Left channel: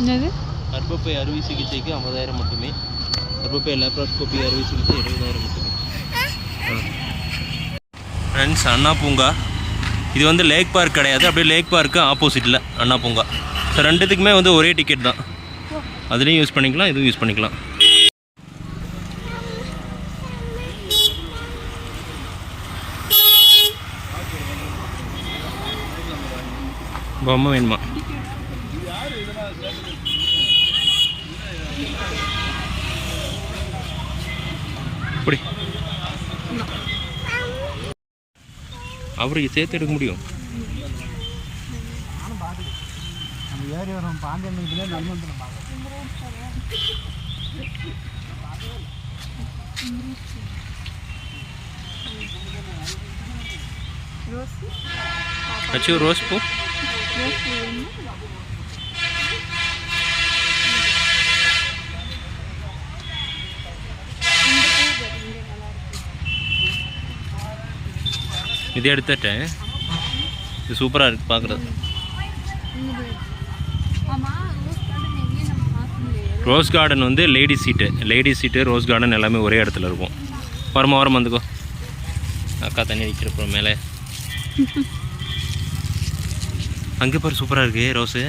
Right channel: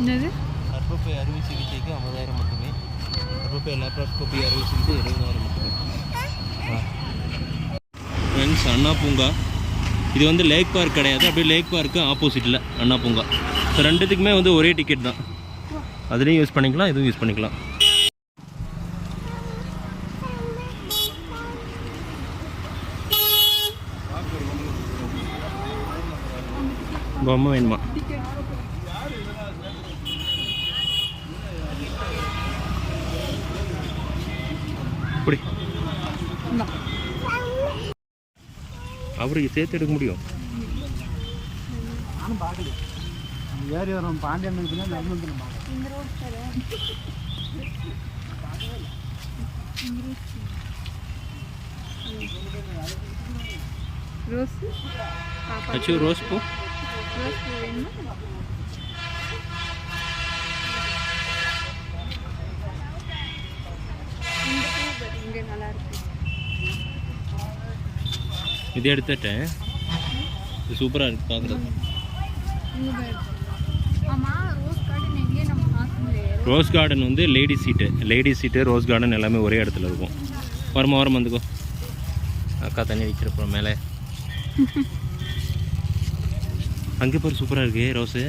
என்னது? கர்ப்பப்பை அறுவை சிகிச்சைக்கு 50,000 மட்டுமே. கர்ப்பப்பை லேப்ரோஸ்கோபி அறுவை சிகிச்சை 70,000 மட்டுமே. ஃப்ரெண்ட்ஸ், அண்ணா பூங்கா இது வந்து லேக் பார்க் கிடையாது, அப்படியே லேக் பார்க்கு ஆப்போசிட்டில் அண்ணா பூங்கா. ஸோ ரெண்டுத்துக்குமே வந்து ஒரே டிக்கெட் தான். அதுலேயும் யூஸ் பண்ணிக்கலாம், இதுவும் யூஸ் பண்ணிக்கலாம். பொம்மை வேணுமா? அப்படி அவருக்கு சேர்த்து எடுக்க முடியும். அச்சு ரோஸ் பூ இது எடுத்துட்டேன். இது சூப்பராக இருக்குது பார்க்குறது. ரோஸ் கார்டன் வந்து லேடிஸ் சீட்டு ரோஸ் கார்டன் எல்லாமே ஒரே இடத்துல இருக்கும். ஓரம் வந்துக்கோ. அக்கா தண்ணி வைக்கிறப்போ மேலே அங்கே பாரு, சூப்பராக இருக்கு ரோஸு.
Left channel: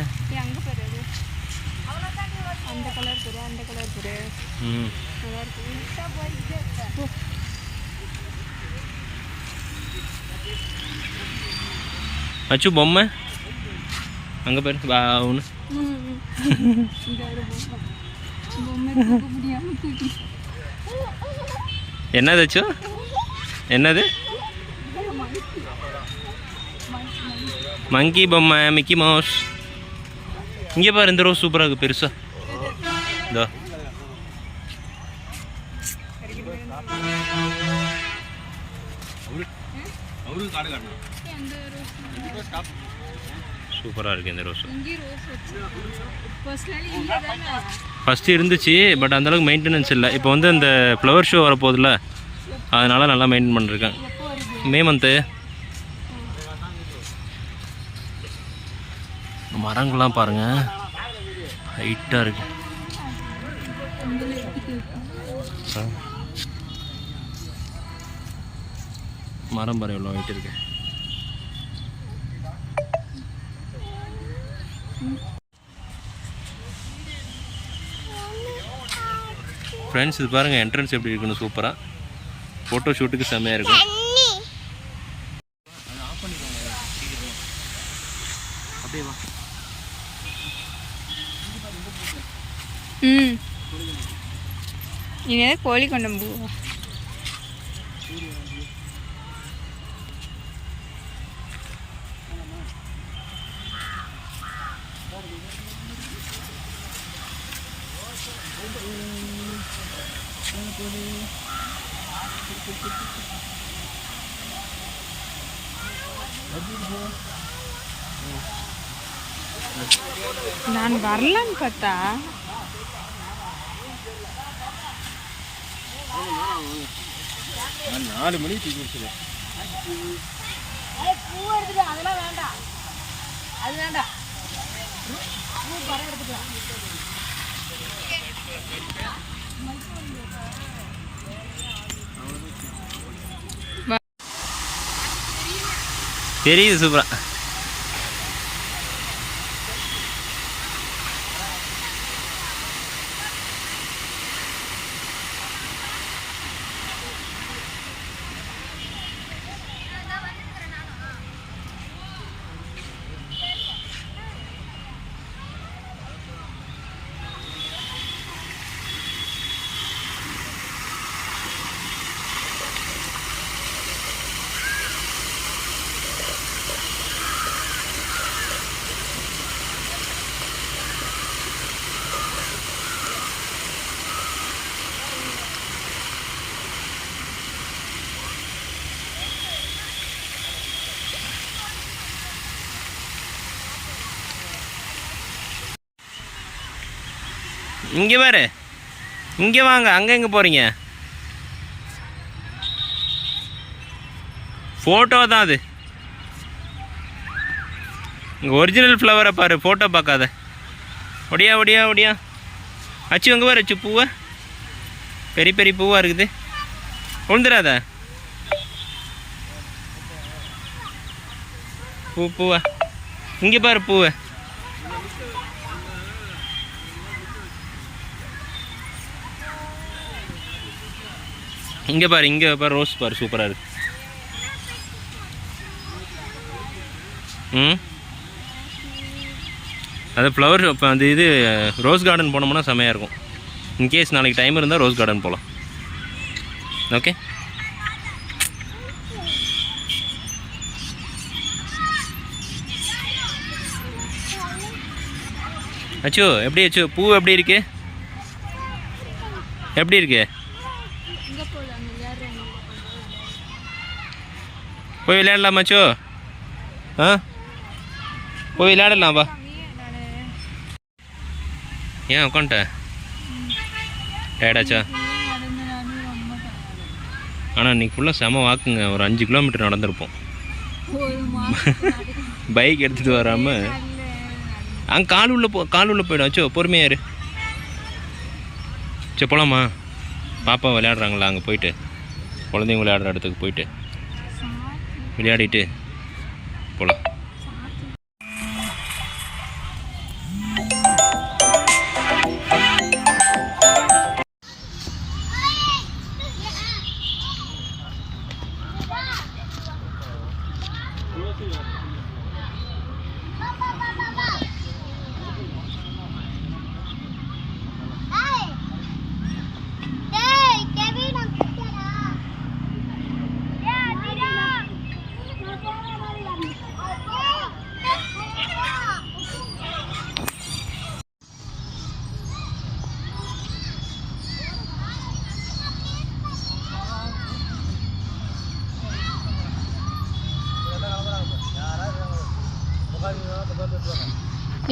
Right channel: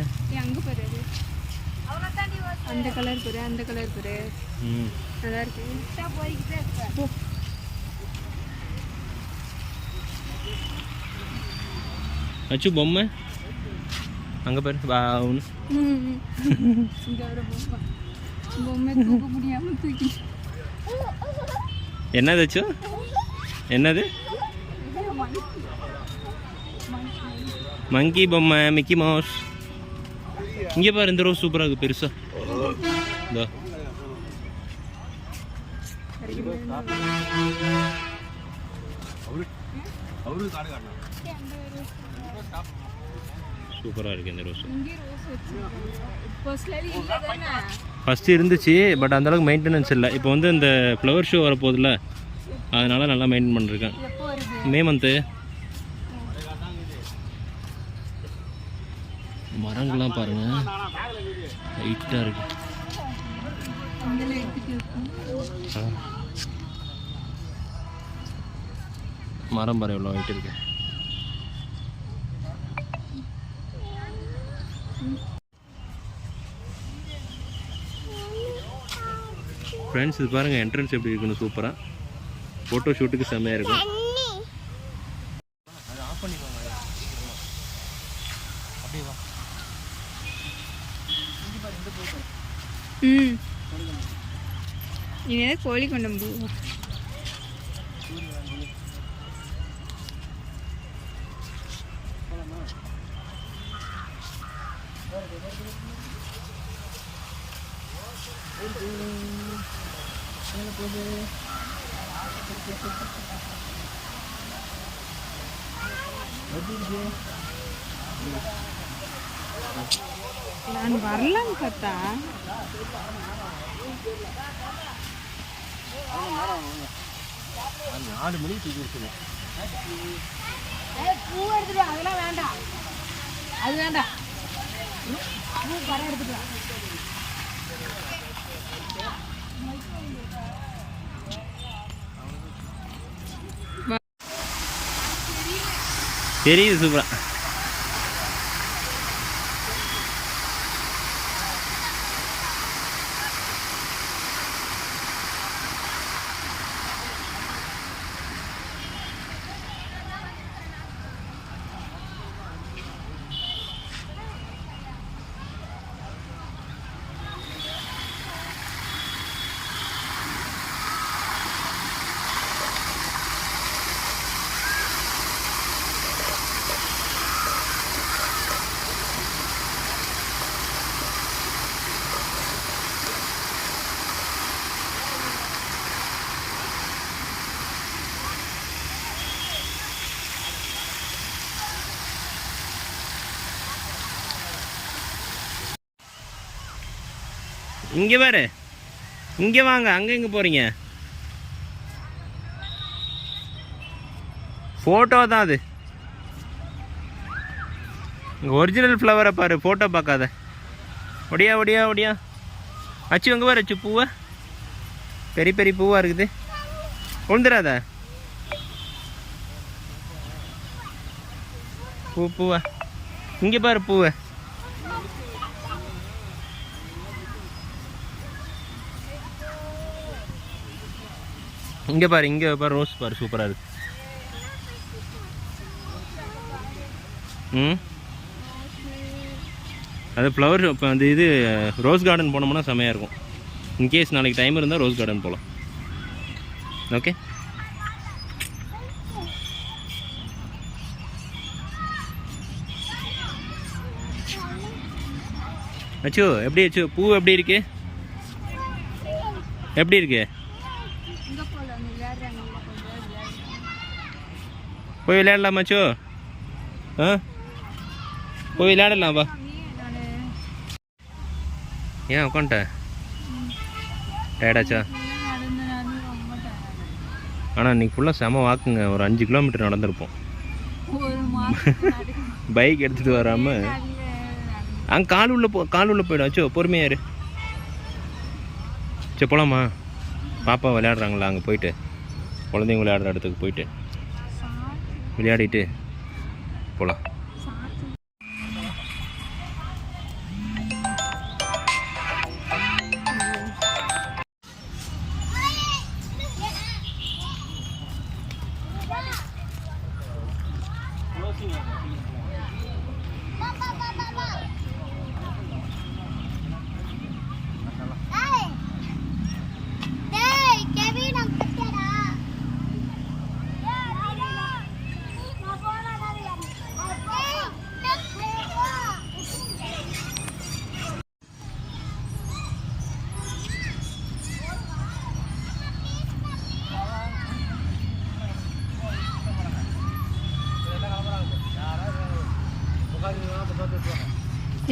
அச்சு பொம்மை அங்கே பாரு ஒன்று. என்னது அச்சு? என்னது? மங்கி பொம்மை, மிக்கி மவுஸ். இங்கே பாரு, இந்த ரோஸ் சூப்பராக இருக்குது பெருசா. இதோ சூப்பராக இருக்குது இந்த ரோஸ். ஃபஸ்ட்டு இருந்துச்சு, பட் அந்தளவுக்கு மெயின்டெனன்ஸ் இல்லை. இப்போ வந்து இந்த ஃப்ளவர் ஷோ வரப்போதில்ல, அதனால் நல்லா மெயின்டைன் பண்ணிருக்கேன். May month. மரங்கள்லாம் பாருங்கள், ஹைட்டாக இருக்கு. மரம் பாரு எவ்வளோ ஹைட் இருக்கு. ஃப்ரெண்ட்ஸ், இது பாருங்கள் என்ட்ரன்ஸ் எப்படி இருக்குன்னு. சூப்பராக ஃபோட்டோ ஷூட்டுக்கு செம்மையாக இருக்கும். அது ஆஃப் பண்ணிக்கோங்க சீக்கிரமா. அப்படியே வா. இது கோழி கொண்டம்பூ. நான் வரலான்னு பார்த்தா 4 மணிக்கு தூக்கி வச்சுருவேன். பூ எடுத்துட்டு அதெல்லாம் வேண்டாம், அது வேண்டாம். தெரியுது சூப்பரா. இங்கே பாரு, இங்கே வாங்க. அங்கே எங்கே போகிறீங்க? ஃபோட்டோ தான் அது. இங்கே ஒரிஜினல் ஃப்ளவரை பாரு, ஃபோட்டோ பார்க்காத. ஒடியா ஒடியா ஒடியா அச்சு அங்கே பாரு. அச்சு பூவை பெரிய பெரிய பூவாக இருக்குது. விழுந்துடாத பூவை. இங்கே பாரு பூவை. இங்கே பாரு, இங்கே பாரு, ரோஸ் பாரு, சூப்பராக இருக்கு. அது ஃப்ளவர் இப்போ அந்த இது ரோஸ் கார்டன் போனோம்னா செமையாக இருக்கும். இன்கேஸ் நாளைக்கு டைம் இருந்தால் ரோஸ் கார்டன் போகலாம். ஓகே. அச்சோ எப்படி அச்சோ பூ எப்படி இருக்கு? எப்படி இருக்கு? போய் விளையாடலாமா அச்சோ? ஆ போய் விளையாடலாம் வா. ஏன் உட்காந்துட்ட? டயர்டாச்சா? ஆனால் இன்றைக்கி ஃபுல்லாக செம வாக்குங்க. ஒரு 5 கிலோமீட்டர் நடந்திருப்போம். பைக் எடுத்துகிட்டு வராமல் அங்கே கால் உள்ள போயிடும். அச்சோ பொறுமையாக இரு. சரி போகலாமா? பாப்பா விளையாடுறாங்களா அங்கே போயிட்டு, குழந்தைங்க விளையாடுற இடத்துக்கு போயிட்டு விளையாடிட்டு போகலாம்.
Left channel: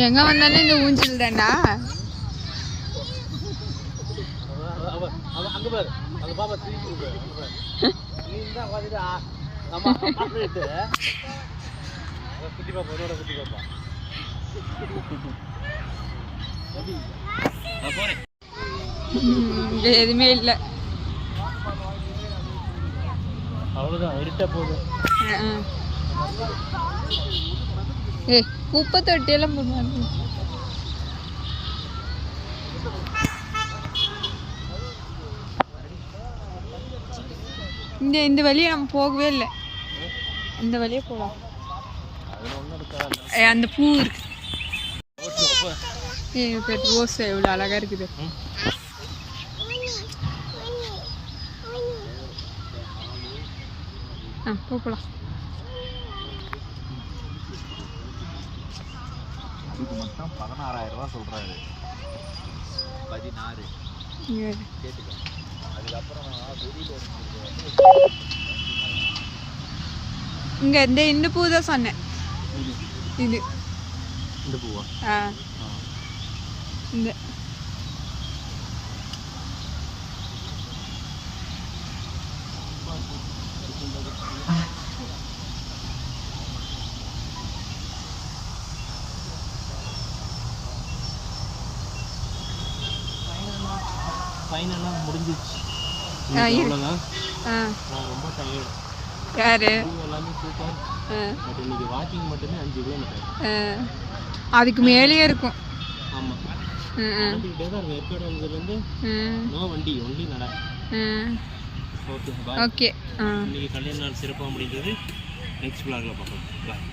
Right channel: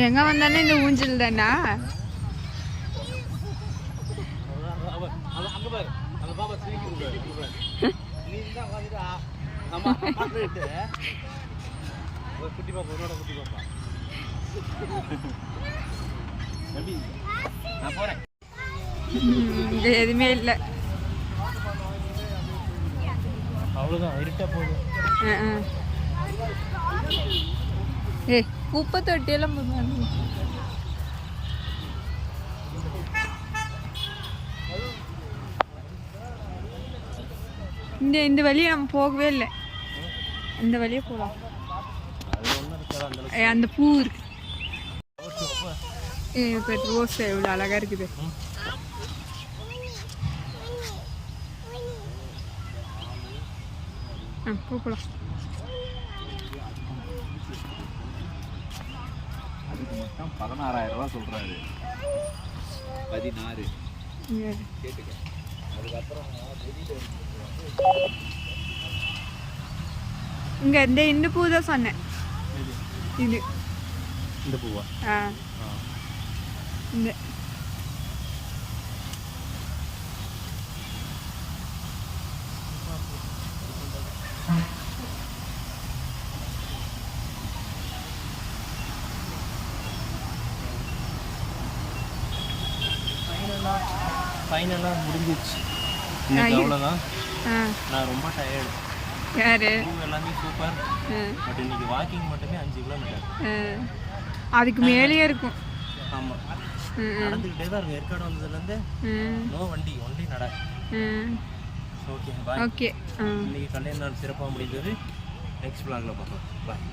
எங்க வந்தாலும் இந்த ஊஞ்சல் தானா? இங்க எதுவுமே இல்லை. ஏய் குப்பை தொட்டியெல்லாம் போடுவாங்க. இந்த வழியை நம்ம போகவே இல்லை. இந்த வழியே போகலாம். அந்த பூ இருக்கு. ரோஸ் எவ்வளோ அழகா இருக்குது. போகலாம். அதுக்கு மட்டும் 16,000 ரூபா சொல்றாரு. 16. அதுக்கப்புறம் இங்க இந்த பூ தான் சொன்னேன். இது இந்த பூவா? இந்த ஃபைனலாக முடிஞ்சிச்சு. அவ்வளோதான். நான் ரொம்ப டயர்டு. யாரு? எல்லாமே சூப்பர். பட் இன்னைக்கு வாக்கிங் மட்டுமே 5 கிலோமீட்டர். அதுக்கு மேலேயே இருக்கும். ஆமாம், நடந்துக்கிட்டே தான் இருக்கும். ஏற்காடு வந்ததுலேருந்து நோ வண்டி, ஒன்லி நட. Okay bye. ஓகே. இன்னைக்கு கல்யாண நாள் சிறப்பாக முடிந்தது. நெக்ஸ்ட் vlogல பார்க்கலாம். பாய்.